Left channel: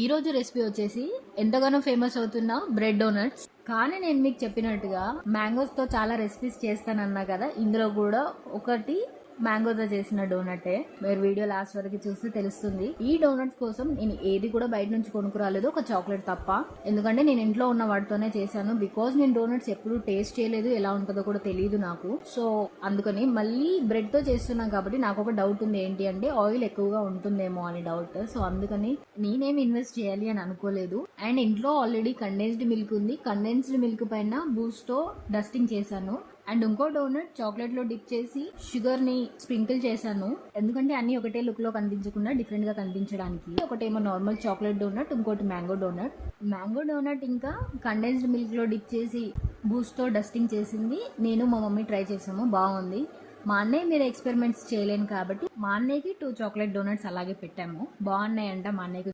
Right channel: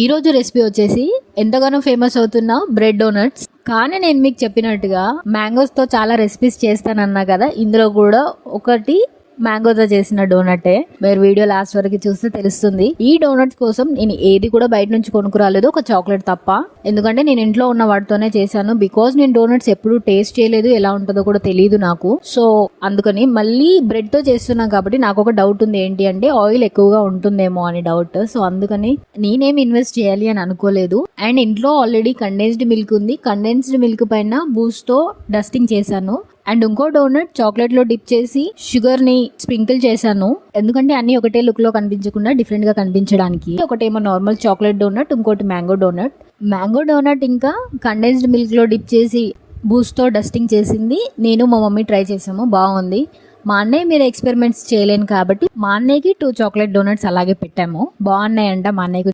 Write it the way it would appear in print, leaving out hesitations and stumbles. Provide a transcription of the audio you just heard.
ఈ రోజు రెసిపీ వచ్చేసి ఎంతగానో ఫేమస్ అవుతున్న బ్రెడ్ డోనట్స్. కానీ నేను మీకు చెప్పినట్టుగా మ్యాంగోస్తో చాలా రెసిపీస్ చేస్తానన్నా కదా, ఇందులో కూడా ఒకటి మ్యాంగోతో చేసిన డోనటే. మీరు వీడియో లాస్ట్ వరకు చూస్తే తెలుస్తుంది. ఈ డోనట్స్ కోసం నేను ఏది కూడా బయట నుంచి కొనుక్కురాలేదు, ఒక చాక్లెట్ తప్ప. ఎందుకంటే నేను ఇంట్లో ఉన్న వాటితోనే చేశాను. బికాజ్ నేను డోనట్స్ ఎప్పుడు టేస్ట్ చేయలేదు, ఎలా ఉంటుందో కూడా తెలియదు నాకు. సో అందుకని మళ్ళీ బ్రెడ్ తో చేస్తున్నాం కాబట్టి నాకు ఒక డౌట్ ఉంది, ఏంటి అంటే ఆయిల్ ఎక్కువగా ఉంటుందేమో అని డౌట్. సో అందుకని నేనేం ఇన్వెస్ట్ చేయాలి అని అనుకోలేదు. అండ్ ఇంట్లో ఆల్రెడీ కండెన్స్డ్ మిల్క్ ఉంది. కండెన్స్డ్ మిల్క్ పైన బూస్ట్ తో డస్టింగ్ చేశాను. అండ్ ఇంకో డోనట్ చాక్లెట్ లో డిప్ చేసి షుగర్ ని స్ప్రింకిల్ చేశాను. ఎందుకంటే అన్ని ఒకటే లుక్ లో కనిపించకుండా డిఫరెంట్ గా కనిపించడానికి. ఒకటేమో నార్మల్ చాక్లెట్ డోనట్, ఇంకోటి మ్యాంగో డోనట్. మ్యాంగో డోనట్ ఇంకా కండెన్స్డ్ మిల్క్ లో డిప్ చేసి బూస్ట్ తో డస్టింగ్ చేసింది నేను మా మమ్మీ ట్రై చేసాము, బాగుంది. మా అన్నయ్య మీరు ఎక్స్పెరిమెంట్స్ చేయలేను కాబట్టి మా అన్నయ్యకి 2 చాక్లెట్ డోనట్స్ అలాగే పెట్టాము. బాగున్నాయంట మా అన్నయ్యకి.